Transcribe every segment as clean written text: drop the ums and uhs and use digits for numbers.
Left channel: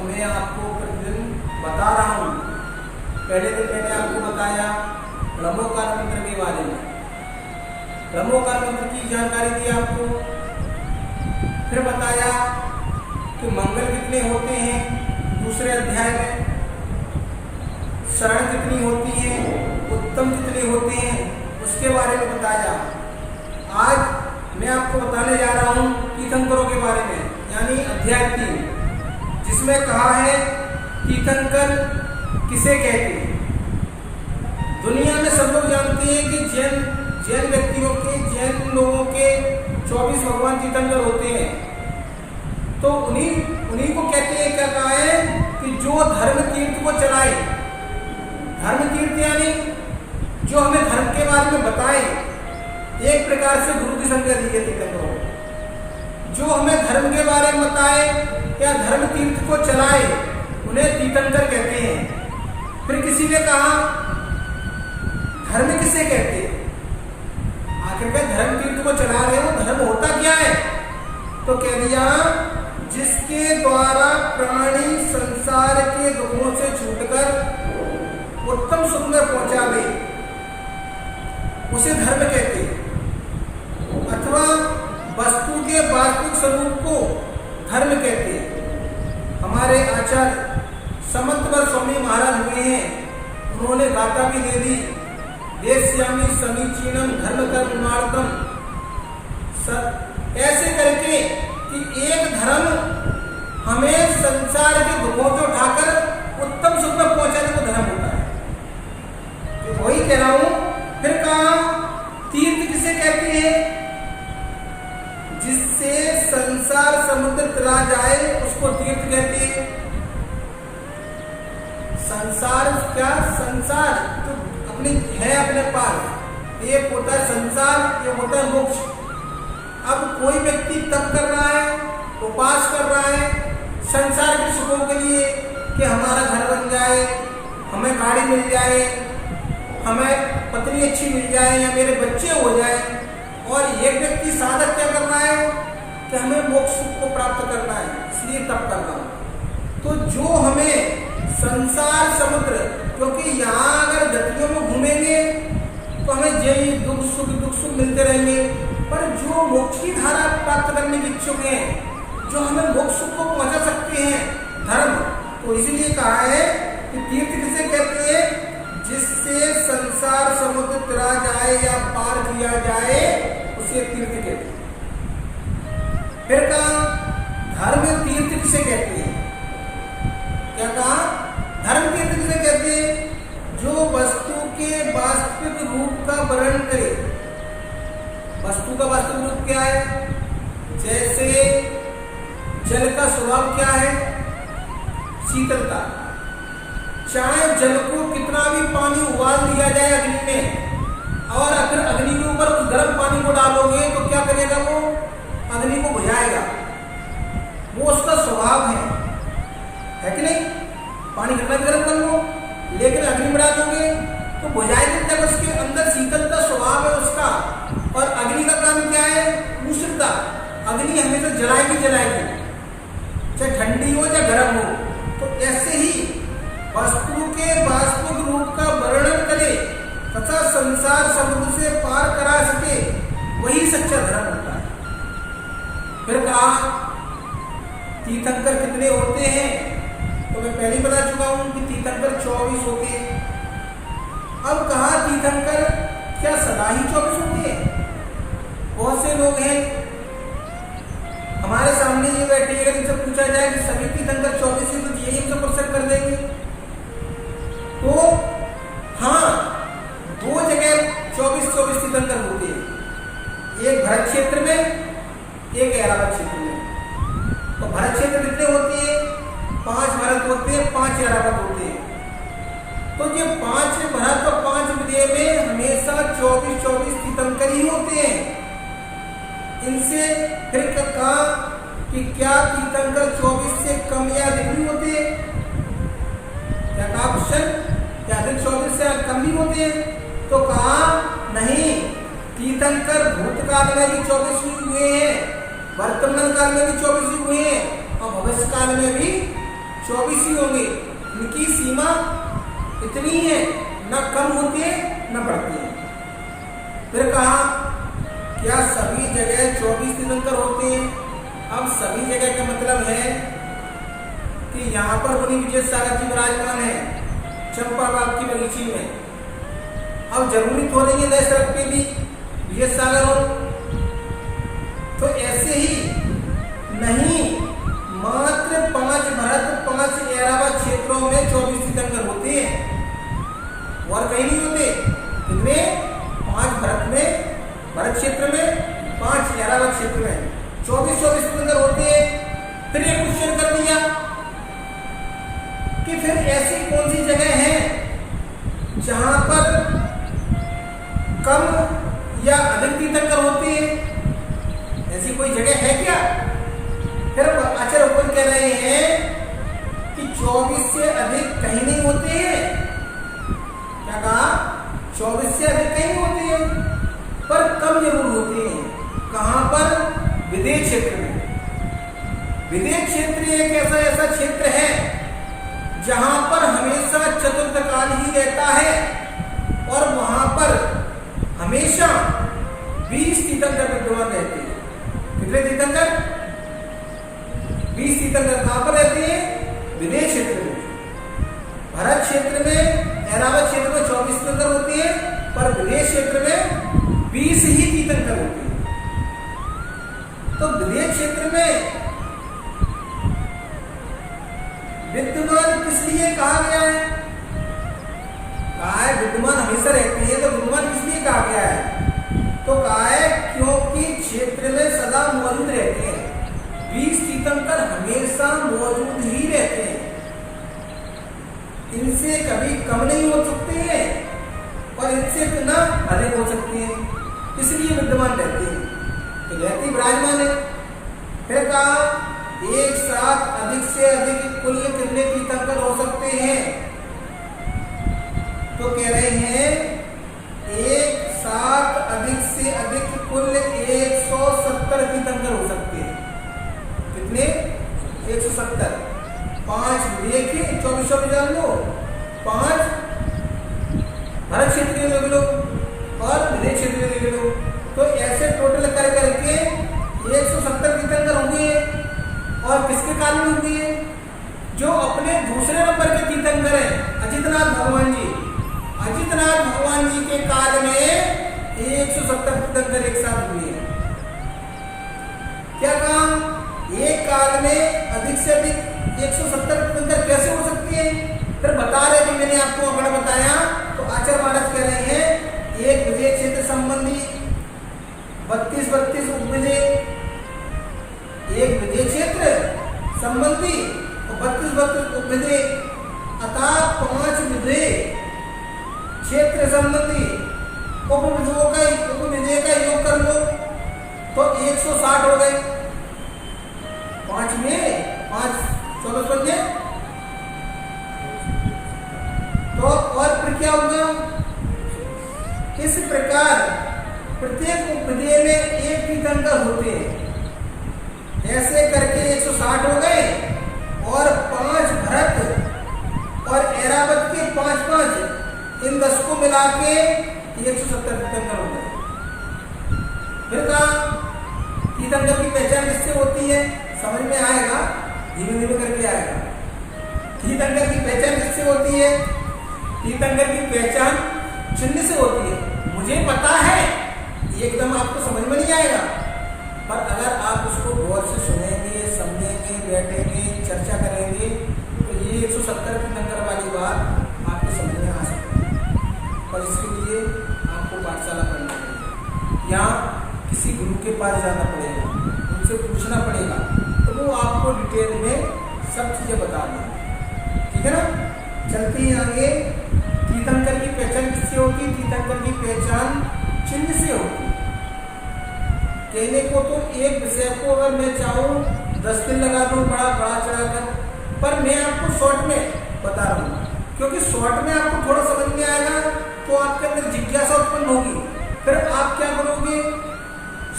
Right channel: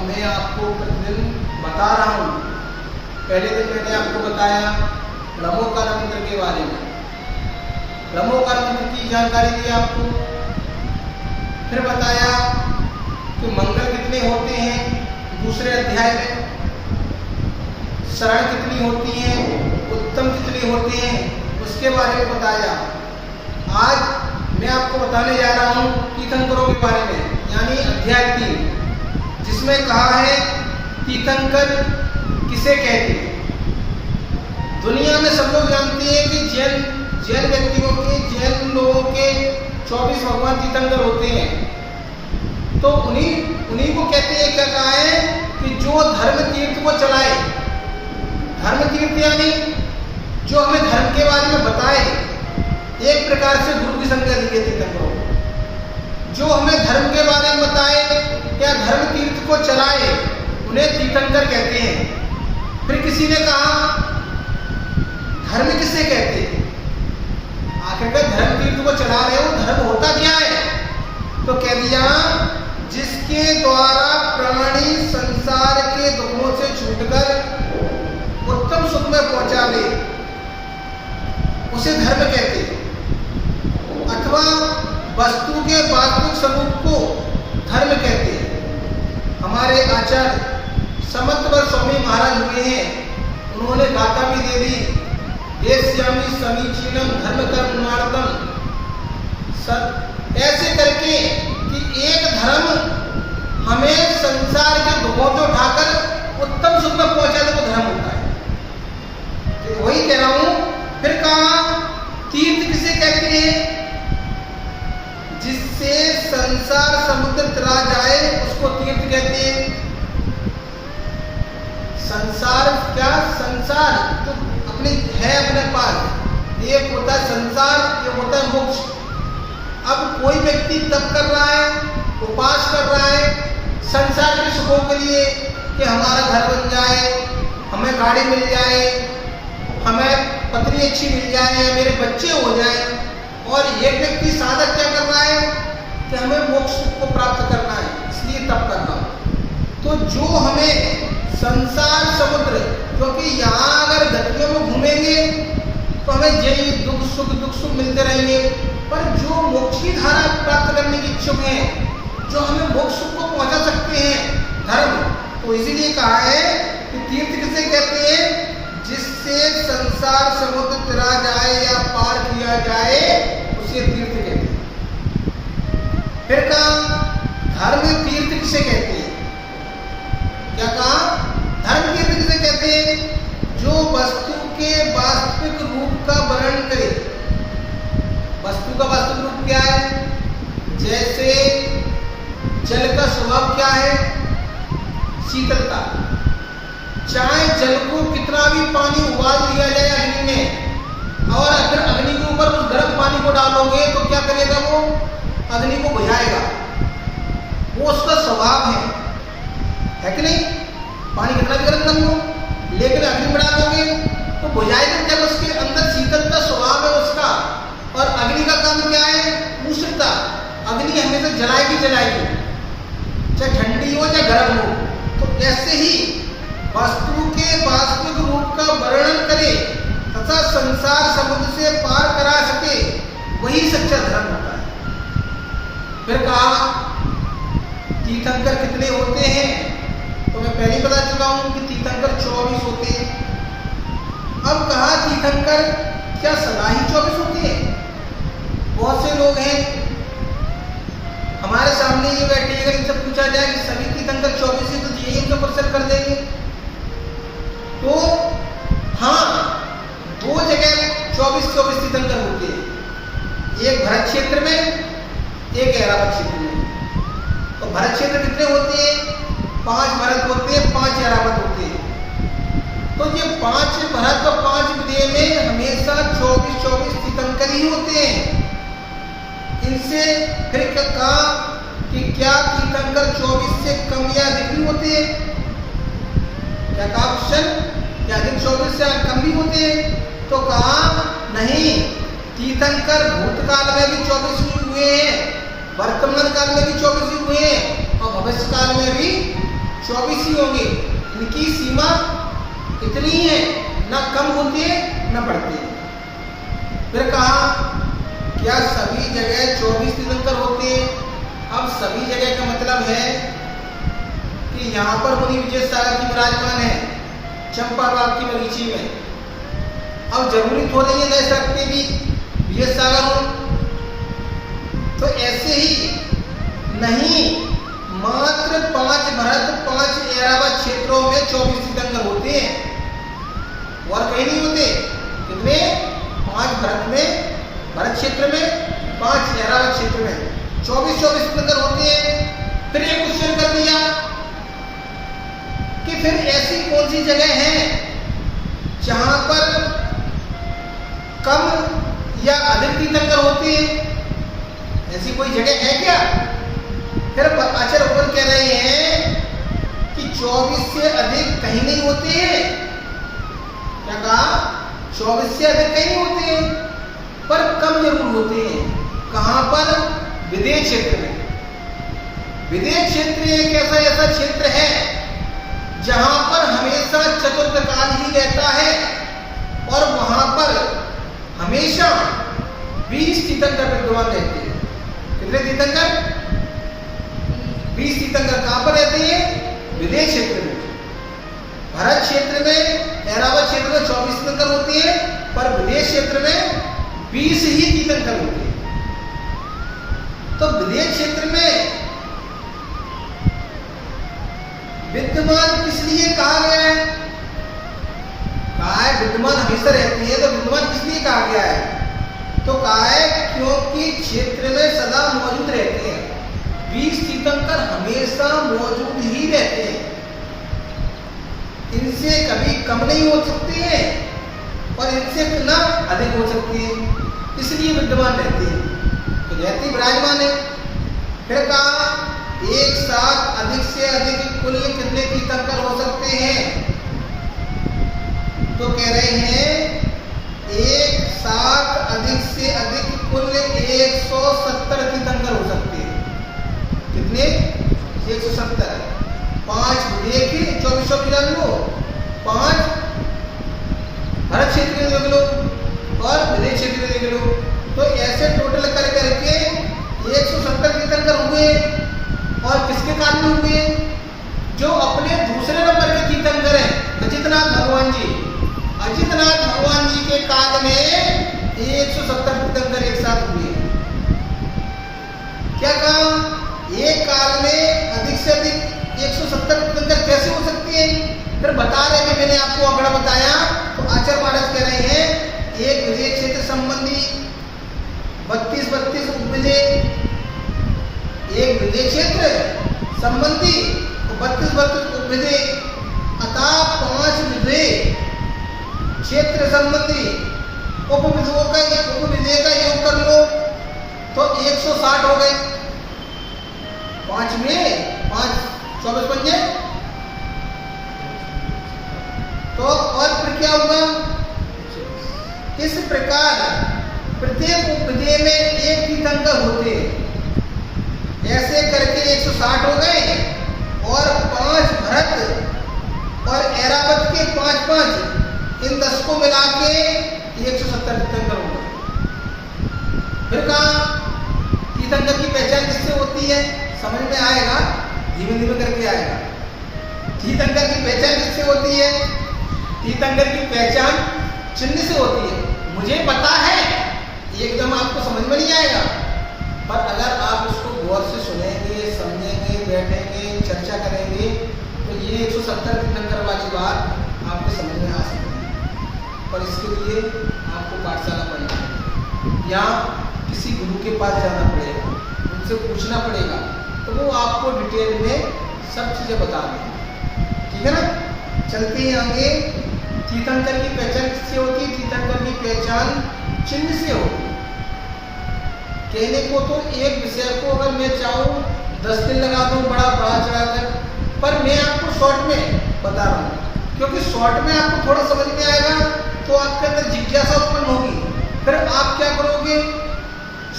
और मैं आपको प्रतिदिन बता रहा हूँ। पहले दिन मैंने आपको बताया ब्रह्मोकार मंत्र के बारे में, ब्रह्मोकार मंत्र की जानकारी दी आपको। फिर बताया कि मंगल कितने होते हैं दूसरे अध्याय में, शरण कितनी होती हैं, उत्तम कितने होते हैं, उसके बारे में बताया। आज मैं आपको बताने जा रहा हूँ तीर्थंकरों के बारे में, यानी अध्याय 3, जिसमें कहा है तीर्थंकर किसे कहते हैं। दुनिया में सब लोग जानते हैं कि जैन व्यक्तियों के, जैन लोगों के 24 भगवान तीर्थंकर होते हैं। तो उन्हीं को कहते हैं, क्या कहा है कि जो धर्म तीर्थ को चलाए, धर्म तीर्थ यानी जो हमें धर्म के बारे में बताए, एक प्रकार से गुरु की संज्ञा दी है तीर्थंकरों को। जो हमें धर्म के बारे में बताए या धर्म तीर्थ को चलाए, उन्हें तीर्थंकर कहते हैं। फिर किसी ने कहा धर्म किसे कहते हैं, आखिरकार धर्म तीर्थ को चला रहे हो, धर्म होता क्या है? तो कह दिया जिसके द्वारा प्राणी संसार के दुखों से छूटकर उत्तम सुख में पहुंचा ले, उसे धर्म कहते हैं। अथवा वस्तु के वास्तविक स्वरूप को धर्म कहते हैं। हमारे आचार्य समंतवर स्वामी महाराज हुए हैं, उन्होंने गाथा भी दे दी, देश्यामी समीचीनम धर्म कर्मार्थम, ऐसे करके कि एक धर्म हमें संसार के दुखों से उठाकर उत्तम सुख में पहुंचा दे, वो धर्म होता है। तो वही कह रहा हूं। फिर कहा तीर्थ किसे कहते हैं? जिससे संसार समुद्र तरा जाए उसको तीर्थ कहते हैं। संसार क्या? संसार जो अपनी है अपने पास, एक होता है संसार, एक होता है मोक्ष। अब कोई व्यक्ति तप कर रहा है, उपास कर रहा है संसार के सुखों के लिए कि हमारा घर बन जाए, हमें गाड़ी मिल जाए, हमें पत्नी अच्छी मिल जाए, या मेरे बच्चे हो जाए। और एक व्यक्ति साधक क्या कर रहा है कि हमें मोक्ष को प्राप्त करना है, इसलिए तप कर रहा हूँ। तो जो हमें संसार समुद्र, क्योंकि यहाँ अगर गतियों में घूमेंगे तो हमें यही दुख सुख मिलते रहेंगे। पर जो मोक्ष की धारा प्राप्त करने के इच्छुक हैं, जो हमें मोक्ष सुख को पहुँचा सकते हैं, धर्म, तो इसीलिए कहा है कि तीर्थ किसे कहते हैं? जिससे संसार समुद्र तरा जाए या पार किया जाए, उसे तीर्थ कहते हैं। फिर कहा धर्म तीर्थ किसे कहते हैं? क्या कहा? धर्म तीर्थ किसे कहते हैं? जो वस्तु के वास्तविक रूप का वर्णन करे। वस्तु का वास्तविक रूप क्या है? जैसे जल का स्वभाव क्या है? शीतलता। चाहे जल को कितना भी पानी उबाल दिया जाए अग्नि में, और अगर अग्नि के ऊपर उस गर्म पानी को डालोगे तो क्या करेगा? वो अग्नि को बुझाएगा, वो उसका स्वभाव है कि नहीं? पानी कितना भी गर्म कर लो, लेकिन अग्नि में डालोगे तो बुझाएगा। जब उसके अंदर शीतलता स्वभाव है उसका, और अग्नि का काम क्या है? उष्णता। अग्नि हमेशा जलाएगी, चाहे ठंडी हो चाहे गर्म हो। तो ऐसे ही वस्तु के वास्तविक रूप का वर्णन करे तथा संसार समुद्र से पार करा सके, वही सच्चा धर्म होता है। फिर कहा तीर्थंकर कितने होते हैं? तो मैं पहले ही बता चुका हूं कि तीर्थंकर 24 होते हैं। अब कहा तीर्थंकर क्या सदा ही 24 होते हैं? बहुत से लोग हैं हमारे सामने ये बैठे, अगर इनसे पूछा जाए कि सभी तीर्थंकर 24 है तो यही हमसे प्रश्न कर देंगे। तो हाँ, दो जगह 24 तीर्थंकर होते हैं, एक भरत क्षेत्र में, एक ऐरावत क्षेत्र में। तो भरत क्षेत्र कितने होते हैं? 5 भरत होते हैं, 5 ऐरावत होते हैं। तो ये 5 भरत और 5 विदेह में हमेशा 24 तीर्थंकर ही होते हैं। इनसे फिर कहा कि क्या तीर्थंकर 24 से कम या अधिक भी होते हैं? क्या कहा क्वेश्चन? क्या अधिक 24 से कम भी होते हैं? तो कहा नहीं, तीर्थंकर भूतकाल में भी 24 ही हुए हैं, वर्तमान काल में भी 24 ही हुए हैं, और भविष्य काल में भी 24 ही होंगे। इनकी सीमा इतनी है, ना कम होती है ना बढ़ती है। फिर कहा क्या सभी जगह 24 तीर्थंकर होते हैं? अब सभी जगह का मतलब है कि यहाँ पर मुनि विजय सागर की विराजमान है चंपा बाग की बगीची में। अब जरूरी तो नहीं है नए सड़क पे भी विजय सागर हो, तो ऐसे ही नहीं, मात्र 5 भरत 5 ऐरावत क्षेत्रों में 24 तीर्थंकर होते हैं और कहीं नहीं होते। कितने? 5 भरत में, भरत क्षेत्र में, 5 ऐरावत क्षेत्र में 24 तीर्थंकर होते हैं। फिर ये क्वेश्चन कर दिया कि फिर ऐसी कौन सी जगह है जहां पर कम या अधिक तीर्थंकर होते हैं? ऐसी कोई जगह है क्या? फिर आचार्य ऊपर कह रहे हैं कि 24 से अधिक कहीं नहीं होते हैं। क्या कहा? 24 से अधिक कहीं होते हैं, पर कम जरूर होते हैं। कहां पर? विदेह क्षेत्र में। विदेह क्षेत्र एक ऐसा क्षेत्र है जहां पर हमेशा चतुर्थ काल ही रहता है और वहां पर हमेशा 20 तीर्थंकर विद्यमान रहते हैं। कितने तीर्थंकर? 20 तीर्थंकर कहां पर रहते हैं? विदेह क्षेत्र में। भरत क्षेत्र में, ऐरावत क्षेत्र में 24 तीर्थंकर होते हैं, पर विदेह क्षेत्र में 20 ही तीर्थंकर होते हैं। तो विदेह क्षेत्र में विद्यमान किस लिए कहा गया है? कहा है विद्यमान हमेशा रहती है, तो विद्यमान किस लिए कहा गया है? तो कहा है क्योंकि क्षेत्र में सदा मौजूद रहते हैं। 20 तीर्थंकर हमेशा मौजूद ही रहते हैं, इनसे कभी कम नहीं हो सकते हैं और इनसे ना अधिक हो सकते हैं, इसलिए विद्यमान रहते हैं। तो रहते ही विराजमान है। फिर कहा एक साथ अधिक से अधिक कुल कितने तीर्थंकर हो सकते हैं? तो कह रहे हैं एक साथ अधिक से अधिक कुल 170 तीर्थंकर हो सकते हैं। कितने? 170। 5 विदेह के 24 जान लो, 5 भरत क्षेत्र में देख लो और विदेह क्षेत्र में देख लो, तो ऐसे टोटल कर करके 170 तीर्थंकर हुए। और किसके काल में हुए? जो अपने दूसरे नंबर के तीर्थंकर हैं अजितनाथ भगवान जी। अजितनाथ भगवान जी के काल में 170 तीर्थंकर एक साथ हुए। क्या कहा? एक काल में अधिक से अधिक 170 तीर्थंकर कैसे हो सकते हैं? फिर बता रहे हैं, मैंने आपको आंकड़ा बताया। तो आचार्य महाराज कह रहे हैं एक विदेह क्षेत्र संबंधी 32 उपविदेह, एक विदेह क्षेत्र संबंधी 32 उपविदेह, अतः 5 विदेह क्षेत्र संबंधी उपविदेह का योग कर लो तो 160 हो गए। 5 में 5 24 पंजे, तो और फिर क्या होगा? इस प्रकार प्रत्येक उपविदेह में एक तीर्थंकर होते हैं। ऐसे करके 160 हो गए और 5 भरत और ऐरावत के 5-5, इन 10 को मिला के 170 तीर्थंकर हो गए। फिर कहा तीर्थंकर की पहचान किससे होती है? समझ में आएगा, धीमे धीमे करके आएगा। तीर्थंकर की पहचान किससे होती है? तीर्थंकर की पहचान चिन्ह से होती है। मुझे पता है, एकदम आपको समझ में नहीं आएगा, पर अगर आप उसको गौर से सुनेंगे, समझेंगे, बैठेंगे, चर्चा करेंगे, तो ये 170 तीर्थंकर वाली बात आपको समझ में आ सकती है। पर इसके लिए आपको पाठशाला पढ़ना पड़ेगा या किसी गुरु के पास जाना पड़ेगा, उनसे पूछना पड़ेगा, तो वो आपको डिटेल में सब चीज़ें बता देंगे। ठीक है ना? चलते हैं आगे। तीर्थंकर की पहचान किससे होती है? तीर्थंकर की पहचान चिन्ह से होती है। कहने को तो एक विषय को अगर मैं चाहूँ 10 दिन लगा दूँ बड़ा चढ़ाकर, पर मैं आपको शॉर्ट में बता रहा हूँ, क्योंकि शॉर्ट में आपको थोड़ा समझ में आएगा तो आपके अंदर जिज्ञासा उत्पन्न होगी। फिर आप क्या करोगे?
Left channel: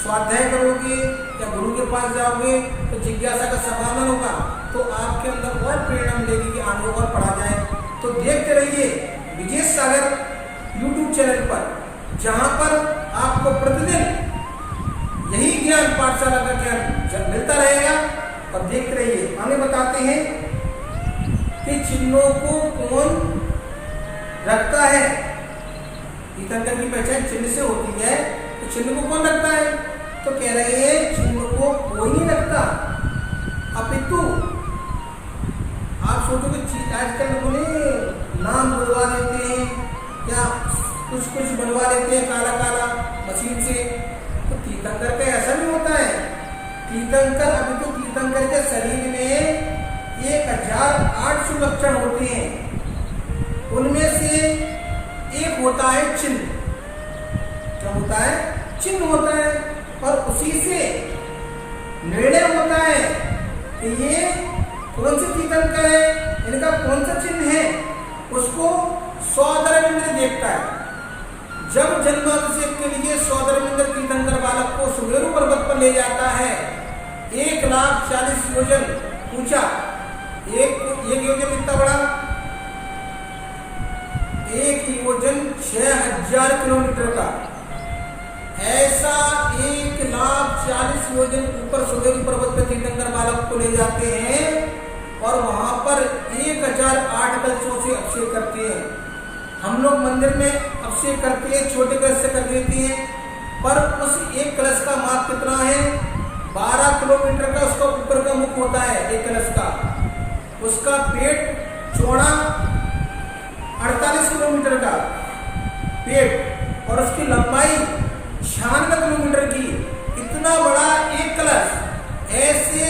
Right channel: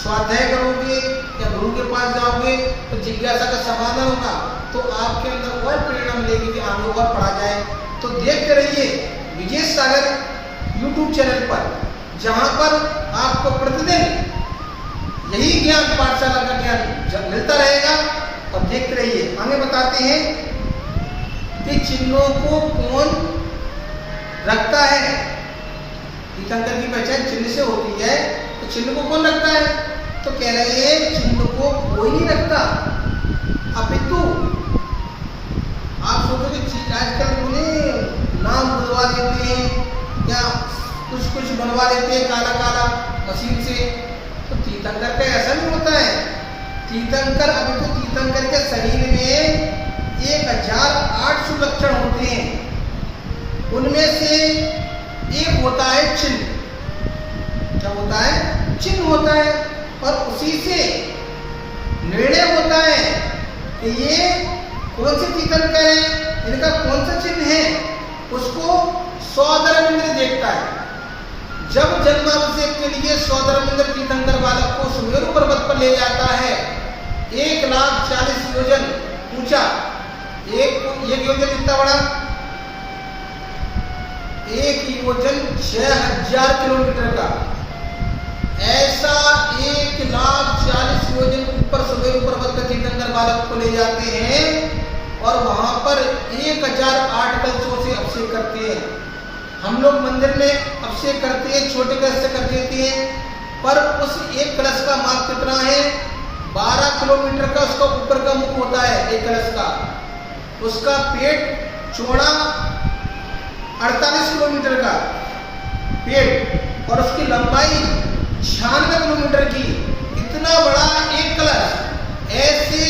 स्वाध्याय करोगे या गुरु के पास जाओगे तो जिज्ञासा का समाधान होगा। तो आपके अंदर और प्रेरणा मिलेगी कि आगे और पढ़ा जाए। तो देखते रहिए विजेश सागर यूट्यूब चैनल पर, जहाँ पर आपको प्रतिदिन यही ज्ञान, पाठशाला का ज्ञान मिलता रहेगा। और देखते रहिए। आगे बताते हैं कि चिन्हों को कौन रखता है। तीर्थंकर की पहचान चिन्ह से होती है, तो चिन्ह को कौन रखता है? तो कह रहे हैं चिन्ह को कोई नहीं रखता, अपितु आप सोचो कि आजकल नाम बुलवा देते हैं या कुछ बनवा लेते हैं काला काला मशीन से। तो तीर्थंकर का ऐसा नहीं होता है। तीर्थंकर, अभी तो तीर्थंकर के शरीर में 1800 लक्षण होते हैं। उनमें से एक होता है चिन्ह। क्या होता है? चिन्ह होता है। और उसी से निर्णय होता है कि ये कौन से तीर्थंकर है, इनका कौन सा चिन्ह है, उसको सौधर्मेंद्र देखता है। जब जन्माभिषेक के लिए सौधर्मेंद्र तीर्थंकर बालक को सुमेरु पर्वत पर ले जाता है, 1,40,000 योजन ऊंचा, एक योजन कितना बड़ा? एक योजन 6,000 किलोमीटर का। ऐसा 1,40,000 योजन ऊपर सुमेरु पर्वत पर तीर्थंकर बालक को ले जाते हैं और वहां पर 1,008 कलशों से अभिषेक करते हैं। हम लोग मंदिर में अभिषेक करते हैं, छोटे कलश से कर देते हैं, पर उस एक कलश का माप कितना है? 12 किलोमीटर का उसका ऊपर का मुख होता है एक कलश का। उसका पेट चौड़ा 48 किलोमीटर का पेट और उसकी लंबाई 96 किलोमीटर की। इतना बड़ा एक कलश, ऐसे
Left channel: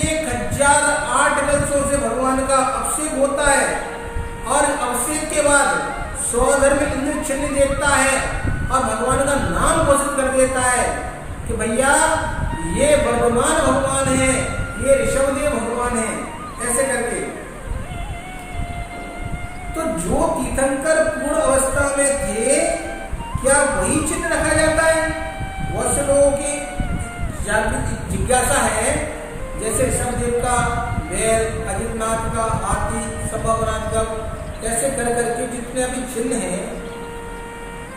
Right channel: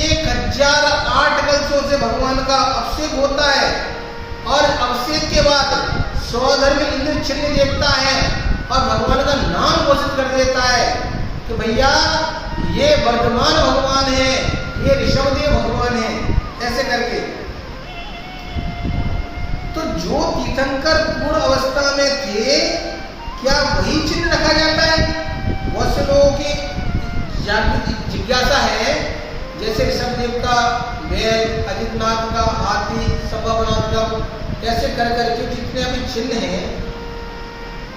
1,008 कलशों से भगवान का अभिषेक होता है। और अभिषेक के बाद सौधर्मेंद्र चिन्ह देखता है और भगवान का नाम घोषित कर देता है कि भैया ये वर्धमान भगवान है, ये ऋषभदेव भगवान है, ऐसे करके। तो जो तीर्थंकर पूर्ण अवस्था में थे, क्या वही चिन्ह रखा जाता है? बहुत से लोगों की जिज्ञासा है, जैसे ऋषभदेव का बैल, अजितनाथ का हाथी, संभवनाथ का, ऐसे कर करके जितने अभी चिन्ह हैं,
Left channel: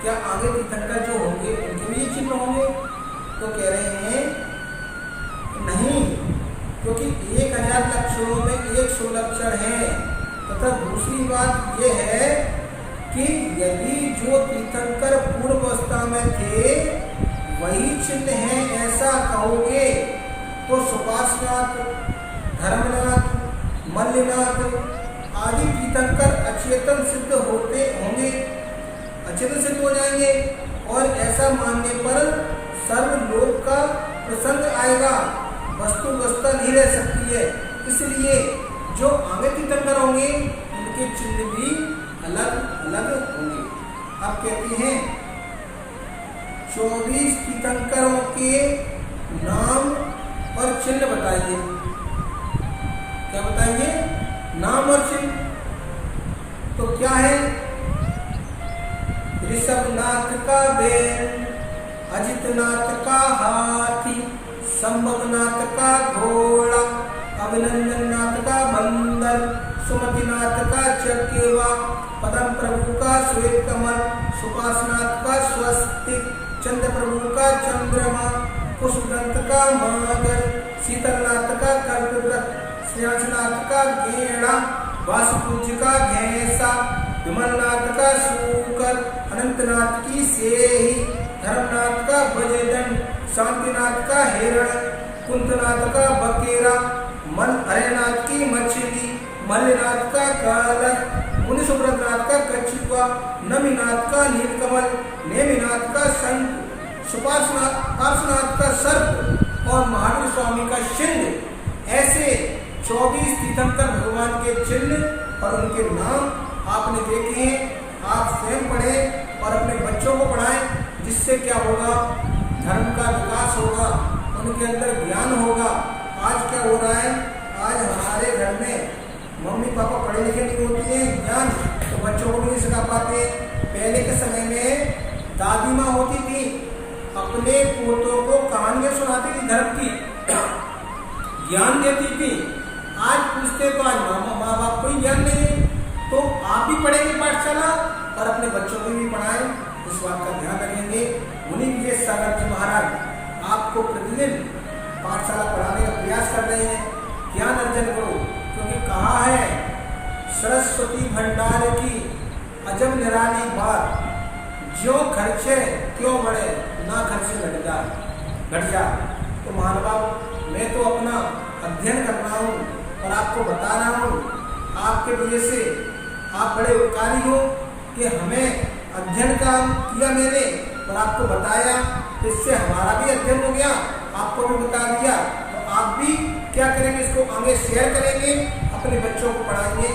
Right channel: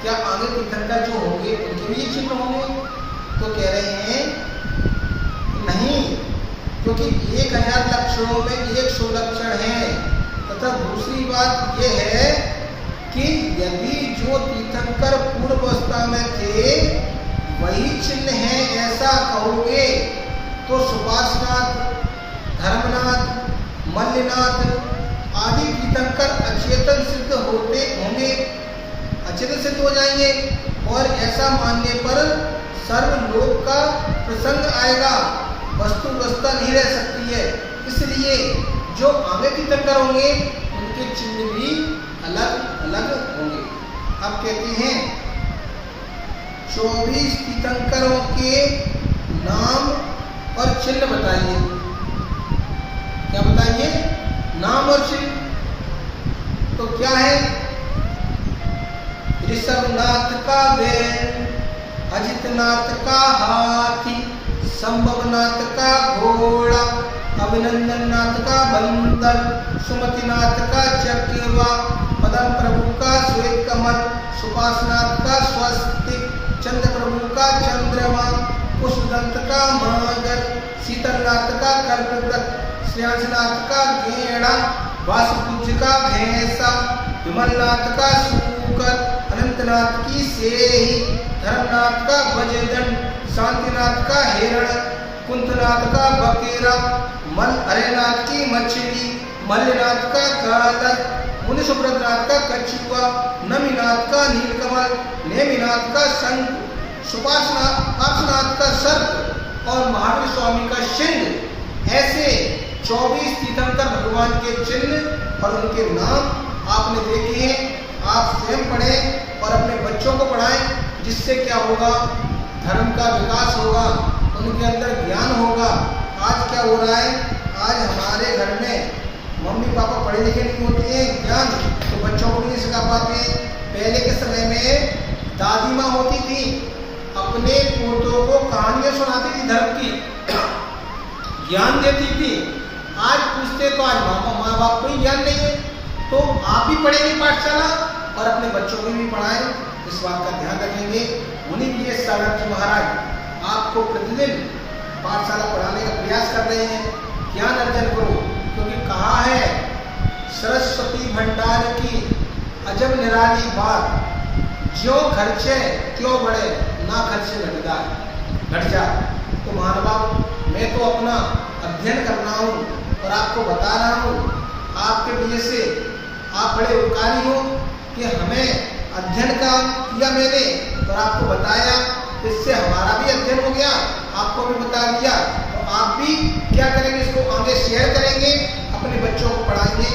क्या आगे तीर्थंकर जो होंगे उनके भी ये चिन्ह होंगे? तो कह रहे हैं नहीं, क्योंकि 1,000 लक्षणों में 100 लक्षण है। तथा दूसरी बात यह है कि यदि जो तीर्थंकर पूर्व अवस्था में थे वही चिन्ह है ऐसा कहोगे, तो सुपासनाथ, धर्मनाथ, मल्लिनाथ आदि तीर्थंकर अचेतन सिद्ध होते होंगे, अचेतन सिद्ध हो जाएंगे। और ऐसा मानने पर सर्वलोक का प्रसंग आएगा, वस्तुवस्था नहीं रह सकती है। इसलिए जो आगे तीर्थंकर होंगे उनके चिन्ह भी अलग अलग होंगे। अब कहते हैं 24 तीर्थंकरों के नाम और चिन्ह बताइए। क्या बताइए? नाम और चिन्ह। तो क्या है? ऋषभनाथ का बैल, अजितनाथ का हाथी, संभवनाथ का घोड़ा, अभिनंदननाथ का बंदर, सुमतिनाथ का चकेवा, पदम प्रभु का श्वेत कमल, सुपासनाथ का स्वस्तिक, चंद्र प्रभु का चंद्रमा, पुष्पदंत का मगर, शीतलनाथ का कल्पवृक्ष, श्रेयांसनाथ का गेड़ा, वासुपूज्य का भैंसा, विमलनाथ का सूकर, अनंतनाथ की सेही, धर्मनाथ का बजदंड, शांतिनाथ का हिरण, कुंतनाथ का बकेरा, हरेनाथ की मछली, मल्लिनाथ का कालक, मुनि सुब्रतनाथ का कछुआ, नमीनाथ का नीलकमल, नेमिनाथ का शंख, पार्श्वनाथ का सर्प और महावीर स्वामी का सिंह। ऐसे 24 तीर्थंकर भगवान के चिन्ह और उनके नाम आपने देखे हैं। आप स्वयं पढ़ें और अपने बच्चों को पढ़ाएं, जिससे क्या होगा? धर्म का विकास होगा, उनके अंदर ज्ञान होगा। आज क्या हो रहा है? आज हमारे घर में मम्मी पापा पढ़े लिखे नहीं होते हैं, ज्ञान तो बच्चों को भी नहीं सिखा पाते। पहले के समय में दादी माँ होती थी, अपने पोतों को कहानियाँ सुनाती थी, धर्म की ज्ञान देती थी। आज पूछते तो आज माँ बाप को ही ज्ञान नहीं है, तो आप भी पढ़ेंगे पाठशाला और अपने बच्चों को भी पढ़ाएं, इस बात का ध्यान रखेंगे। मुनि विजय सागर जी महाराज आपको प्रतिदिन पाठशाला पढ़ाने का प्रयास कर रहे हैं। ज्ञान अर्जन करो, क्योंकि कहा है सरस्वती भंडार की अजब निराली बात, ज्यों खर्चे क्यों बढ़े, ना खर्चे घट जा। तो महानुभाव, मैं तो अपना अध्ययन कर रहा हूँ और आपको बता रहा हूँ, आपके वजह से आप बड़े उपकारी हो कि हमें अध्ययन का किया मैंने और आपको बताया, इससे हमारा भी अध्ययन हो गया, आपको भी बता दिया। तो आप भी क्या करेंगे, इसको आगे शेयर करेंगे, अपने बच्चों को पढ़ाएंगे।